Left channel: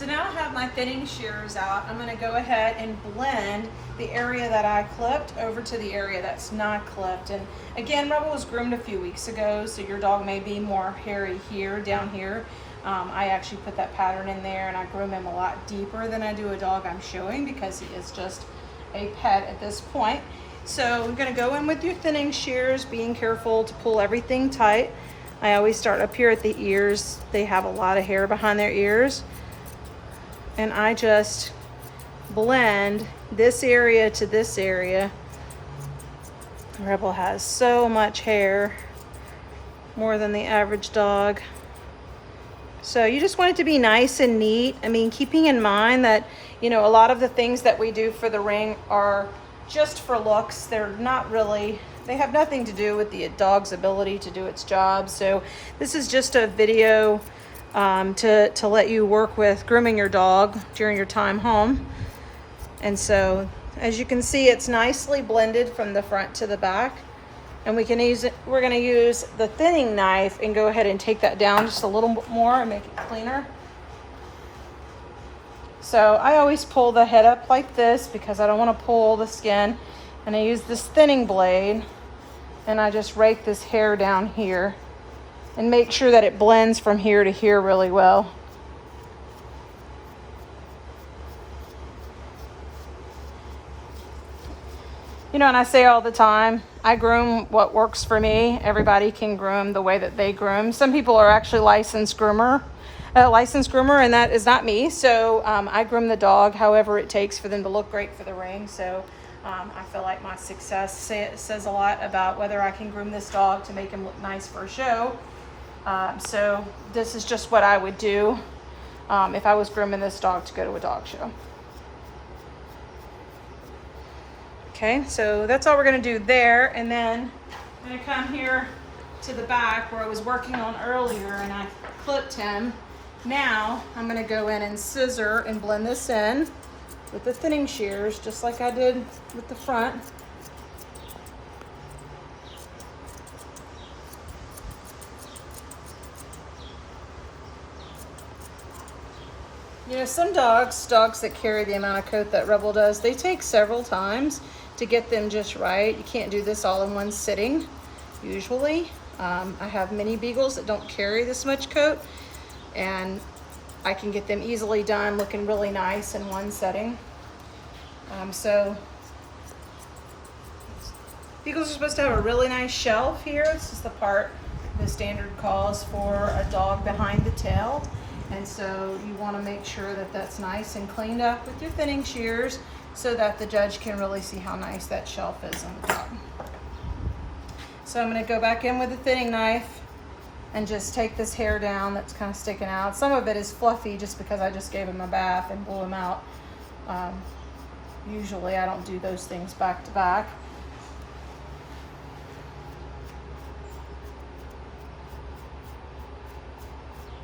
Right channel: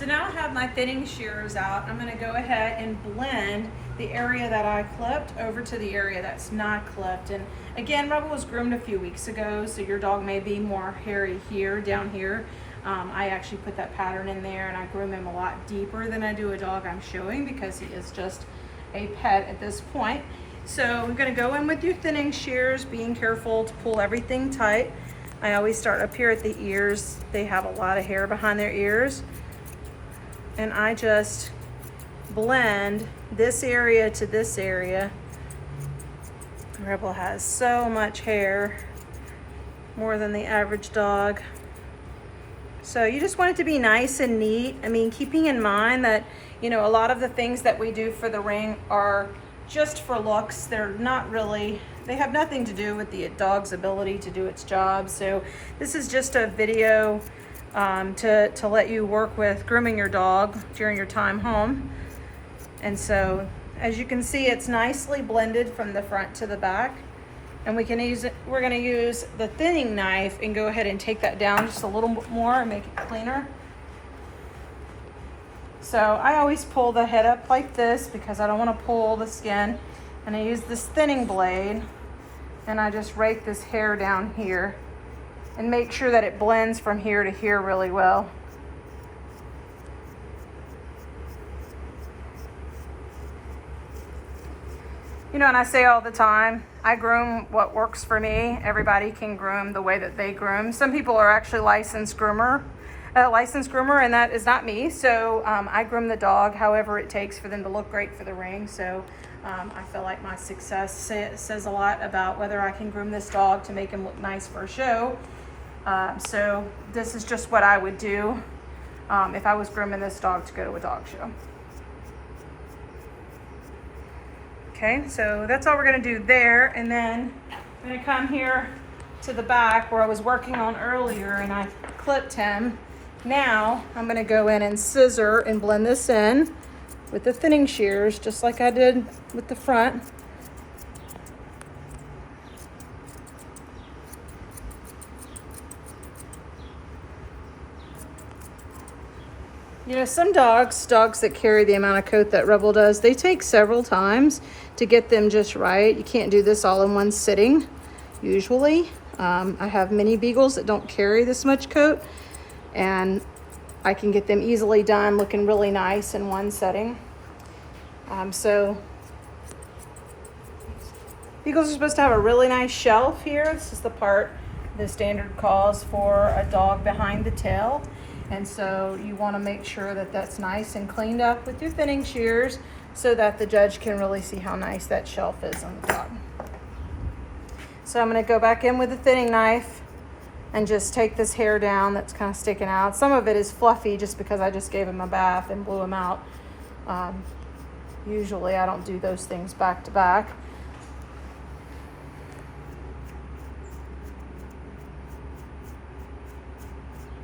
So now I have my thinning shears out. I'm gonna go ahead and blend the area that I clipped over to the area that's not clipped. And again, Rebel was groomed a few weeks ago, so your dog may be more hairy here, down here. I actually put that pattern in there, and I groom him a lot deeper than I do a dog I'm showing because he is just a pet at this point. So I'm gonna go in with your thinning shears, being careful to pull everything tight. I always start up here at the ears. They have a lot of hair behind their ears. And I just blend this area to this area. Rebel has so much hair, more than the average dog. So you just want it to be nice and neat. I mean, keeping in mind that, you know, a lot of the things that we do for the ring are just for looks. They're not really, they have nothing to do with the dog's ability to do its job. So this is just a video to let you work with grooming your dog during your time home. And so as you can see, it's nicely blended from the front to the back. And we can use it, we're gonna use the thinning knife and go ahead and take that down just a little bit more and make it cleaner. So I always pull the head up like this because I don't want to pull the skin. And I use this thinning blade and I just rake this hair down here and make sure that it blends from here to here really well. You know, and I say all the time, I groom what works for me. Everybody can groom the way that they groom. Some people are actually licensed groomer, and that is not me. So I groom the dog however it takes for them to look great for the ring. So I feel like my success says a lot about whether I can groom this dog to make him look nice for a show. So this is just what I would do if I was grooming this dog to go to a dog show. Okay, so that's all we're gonna do there. And then I'm gonna come here to the back where I was working on earlier and I clipped him. Now I'm gonna go in and scissor and blend this in with the thinning shears, just like I did with the front. You know, some dogs that carry the amount of coat that Rebel does, they take several times to get them just right. You can't do this all in one sitting, usually. I have mini Beagles that don't carry this much coat, and I can get them easily done looking really nice in one setting. So Beagles are supposed to have a really nice shelf here. This is the part the standard calls for a dog behind the tail. And so you want to make sure that that's nice and cleaned up with your thinning shears so that the judge can really see how nice that shelf is on the dog. So I'm going to go back in with the thinning knife and just take this hair down that's kind of sticking out. Some of it is fluffy just because I just gave him a bath and blew him out. Usually I don't do those things back to back.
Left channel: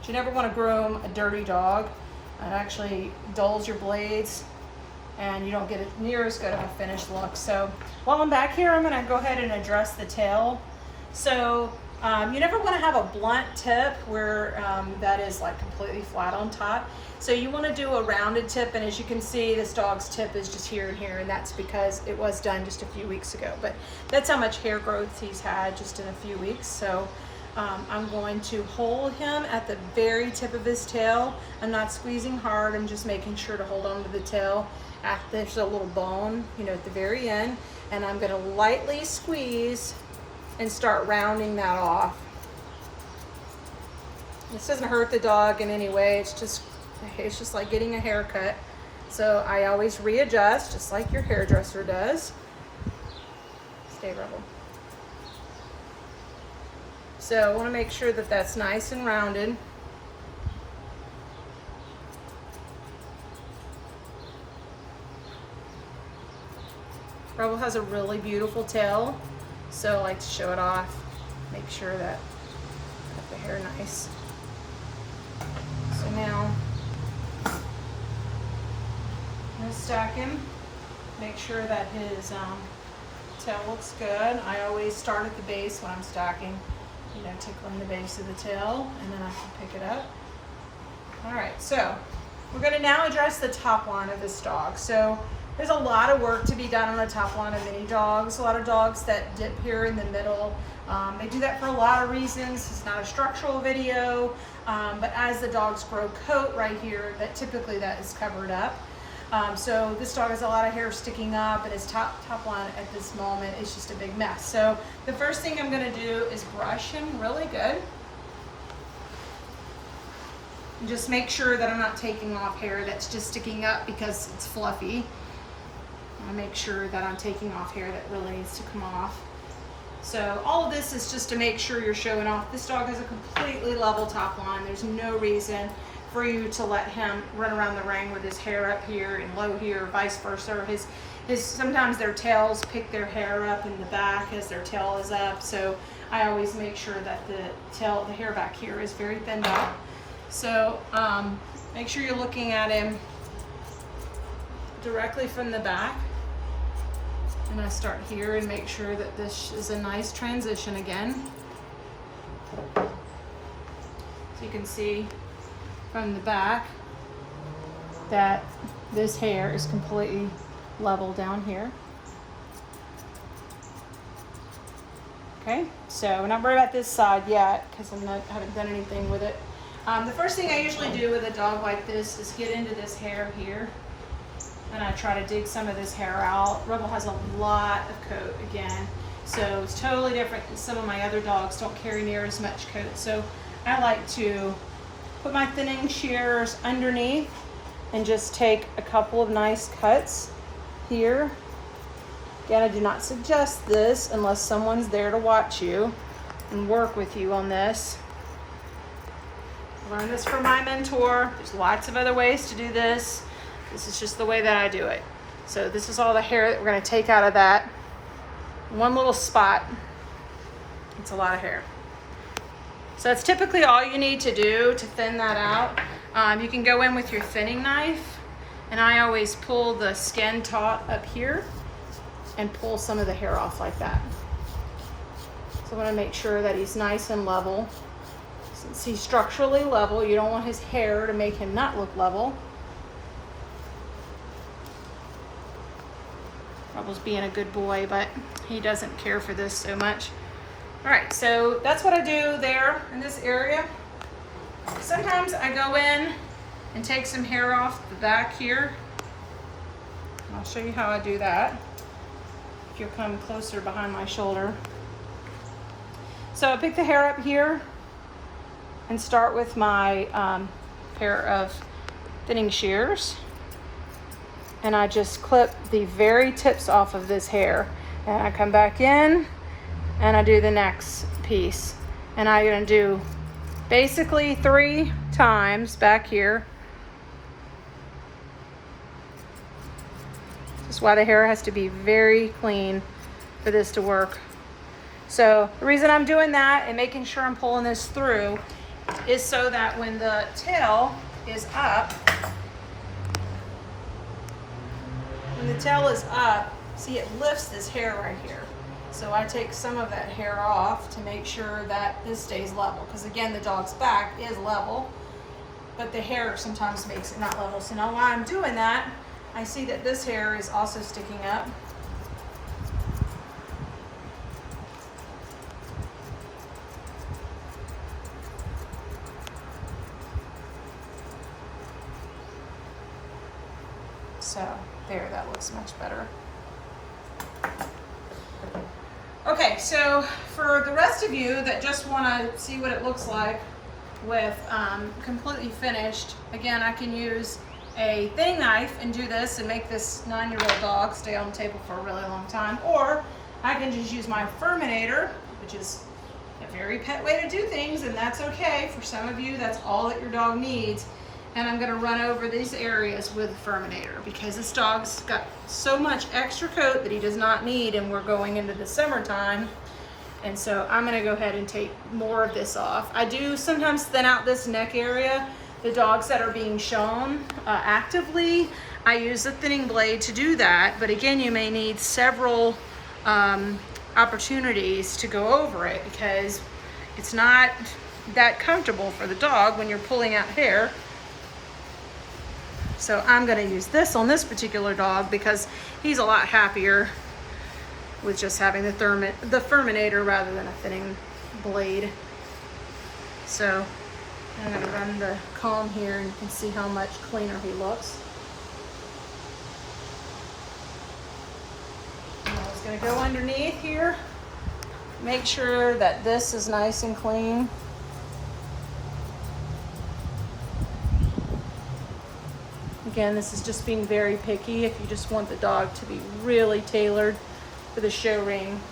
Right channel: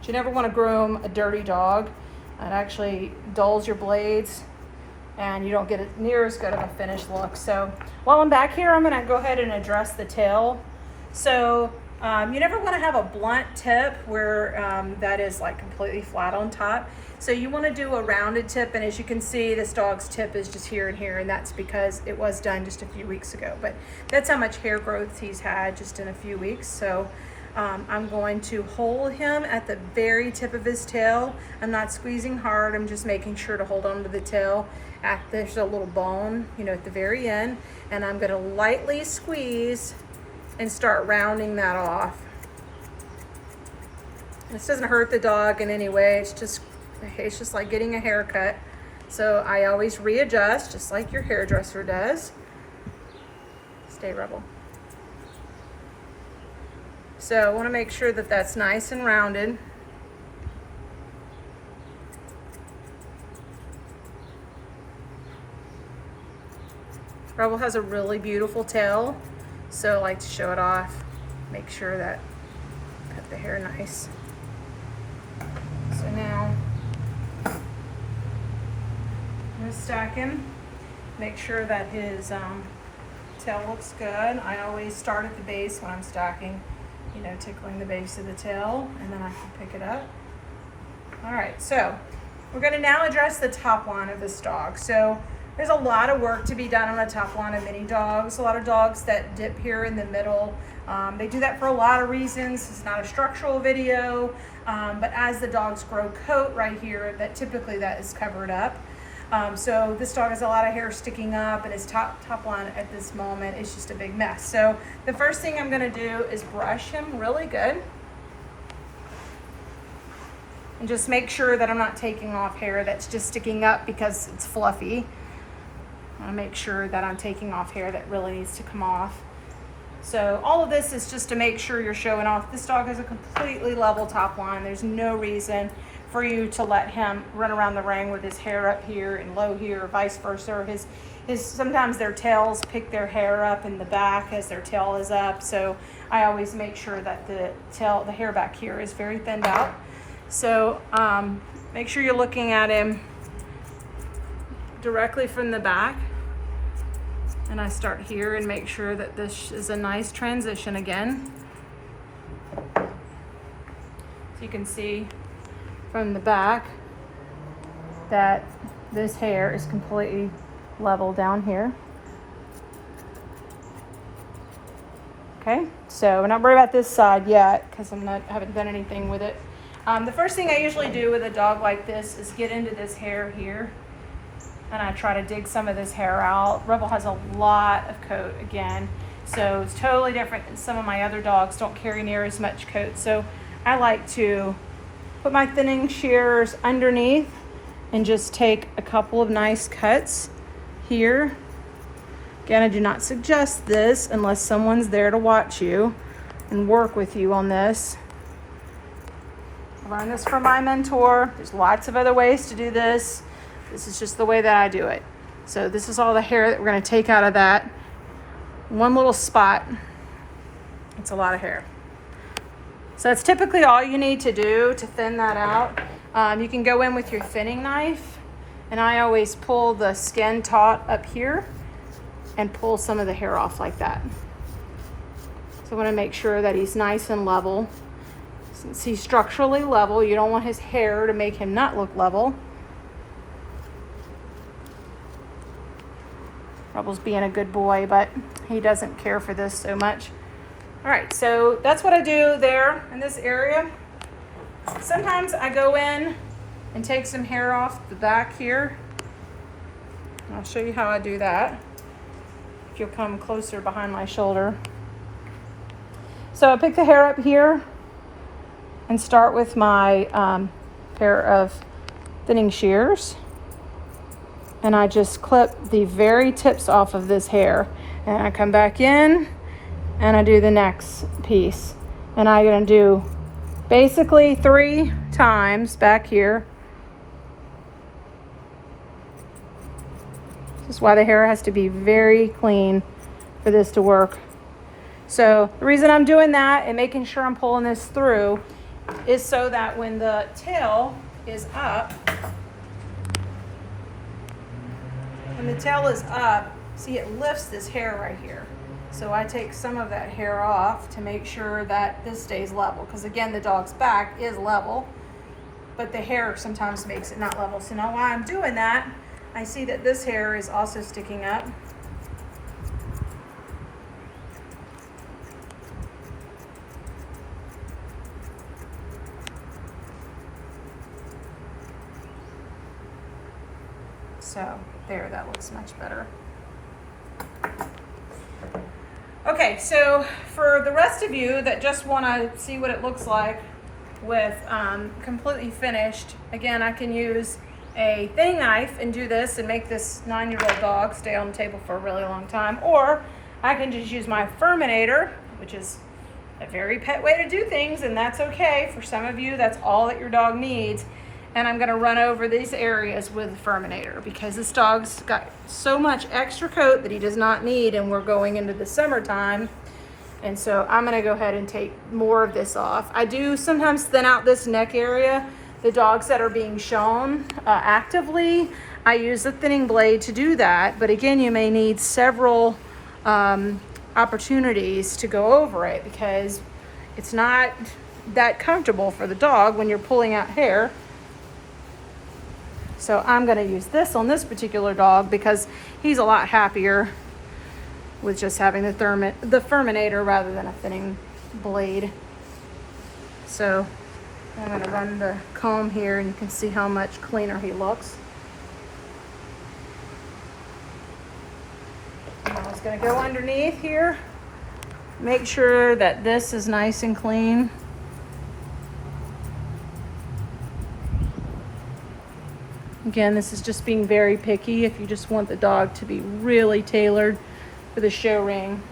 You never want to groom a dirty dog. It actually dulls your blades and you don't get near as good of a finished look. So while I'm back here, I'm going to go ahead and address the tail. So you never want to have a blunt tip where that is like completely flat on top. So you want to do a rounded tip, and as you can see, this dog's tip is just here and here, and that's because it was done just a few weeks ago. But that's how much hair growth he's had just in a few weeks. So I'm going to hold him at the very tip of his tail. I'm not squeezing hard, I'm just making sure to hold on to the tail. There's a little bone, you know, at the very end, and I'm gonna lightly squeeze and start rounding that off. This doesn't hurt the dog in any way, it's just like getting a haircut. So I always readjust, just like your hairdresser does. Stay, Rebel. So I want to make sure that that's nice and rounded. Rebel has a really beautiful tail, so I like to show it off. Make sure that cut the hair nice. So now I'm going to stack him. Make sure that his tail looks good. I always start at the base when I'm stacking. You know, tickling the base of the tail, and then I can pick it up. All right, so We're gonna now address the top line of this dog. So there's a lot of work to be done on the top line of mini dogs. A lot of dogs that dip here in the middle. They do that for a lot of reasons. It's not a structural video, but as the dogs grow coat right here, that typically that is covered up. So this dog has a lot of hair sticking up, and his top line at this moment is just a big mess. So the first thing I'm gonna do is brush him really good. And just make sure that I'm not taking off hair that's just sticking up because it's fluffy. I wanna make sure that I'm taking off hair that really needs to come off. So all of this is just to make sure you're showing off. This dog has a completely level top line. There's no reason for you to let him run around the ring with his hair up here and low here, or vice versa. Sometimes their tails pick their hair up in the back as their tail is up. So I always make sure that the hair back here is very thinned out. So make sure you're looking at him directly from the back. And I start here and make sure that this is a nice transition again. So you can see from the back that this hair is completely level down here. Okay, so we're not worried about this side yet because I haven't done anything with it. The first thing I usually do with a dog like this is get into this hair here, and I try to dig some of this hair out. Rebel has a lot of coat again, so it's totally different than some of my other dogs. Don't carry near as much coat, so I like to put my thinning shears underneath and just take a couple of nice cuts here. Again, I do not suggest this unless someone's there to watch you and work with you on this. I learned this from my mentor. There's lots of other ways to do this. This is just the way that I do it. So this is all the hair that we're going to take out of that one little spot. It's a lot of hair. So that's typically all you need to do to thin that out. You can go in with your thinning knife, and I always pull the skin taut up here and pull some of the hair off like that. So I want to make sure that he's nice and level. Since he's structurally level, you don't want his hair to make him not look level. Rebel's being a good boy, but he doesn't care for this so much. All right, so that's what I do there in this area. Sometimes I go in and take some hair off the back here. I'll show you how I do that. If you'll come closer behind my shoulder. So I pick the hair up here and start with my pair of thinning shears. And I just clip the very tips off of this hair. And I come back in and I do the next piece. And I'm gonna do basically 3 times back here. That's why the hair has to be very clean for this to work. So the reason I'm doing that and making sure I'm pulling this through is so that when the tail is up, see, it lifts this hair right here. So I take some of that hair off to make sure that this stays level. Because again, the dog's back is level, but the hair sometimes makes it not level. So now while I'm doing that, I see that this hair is also sticking up. So there, that looks much better. Okay, so for the rest of you that just want to see what it looks like with completely finished, again, I can use a thinning knife and do this and make this 9-year-old dog stay on the table for a really long time, or I can just use my Furminator, which is a very pet way to do things, and that's okay. For some of you, that's all that your dog needs. And I'm gonna run over these areas with a Furminator because this dog's got so much extra coat that he does not need, and we're going into the summertime. And so I'm gonna go ahead and take more of this off. I do sometimes thin out this neck area. The dogs that are being shown actively, I use the thinning blade to do that. But again, you may need several opportunities to go over it because it's not that comfortable for the dog when you're pulling out hair. So I'm gonna use this on this particular dog because he's a lot happier with just having the Furminator rather than a thinning blade. So I'm gonna run the comb here and you can see how much cleaner he looks. And I'm just gonna go underneath here, make sure that this is nice and clean. Again, this is just being very picky if you just want the dog to be really tailored for the show ring.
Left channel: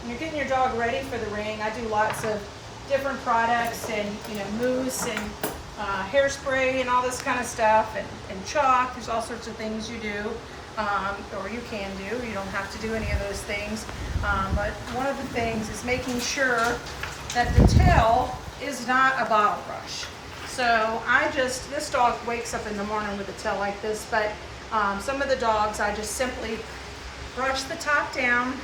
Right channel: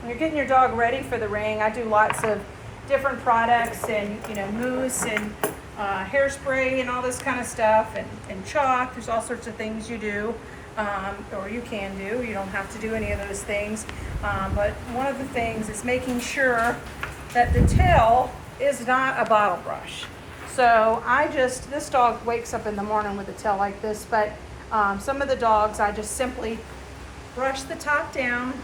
When you're getting your dog ready for the ring, I do lots of different products and, you know, mousse and hairspray and all this kind of stuff, and chalk. There's all sorts of things you do, or you can do. You don't have to do any of those things. But one of the things is making sure that the tail is not a bottle brush. So this dog wakes up in the morning with a tail like this, but some of the dogs I just simply brush the top down.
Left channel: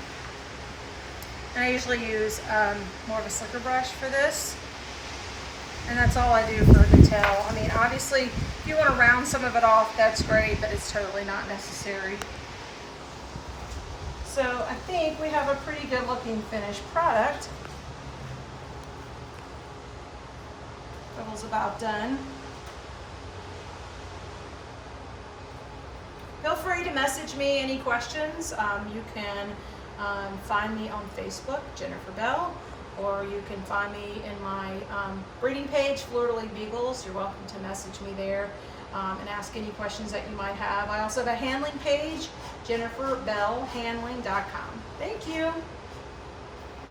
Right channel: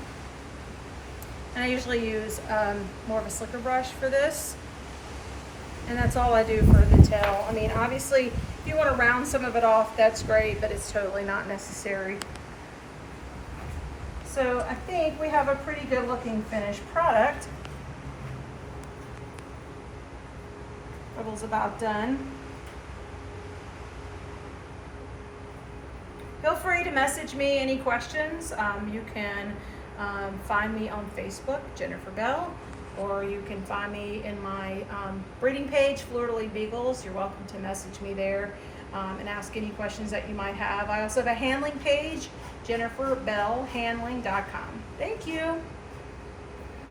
And I usually use more of a slicker brush for this. And that's all I do for the tail. I mean, obviously, if you want to round some of it off, that's great, but it's totally not necessary. So I think we have a pretty good looking finished product. Ribble's about done. Feel free to message me any questions. You can find me on Facebook, Jennifer Bell, or you can find me in my breeding page, Fleur-de-Lis Beagles. You're welcome to message me there and ask any questions that you might have. I also have a handling page, jenniferbellhandling.com. Thank you.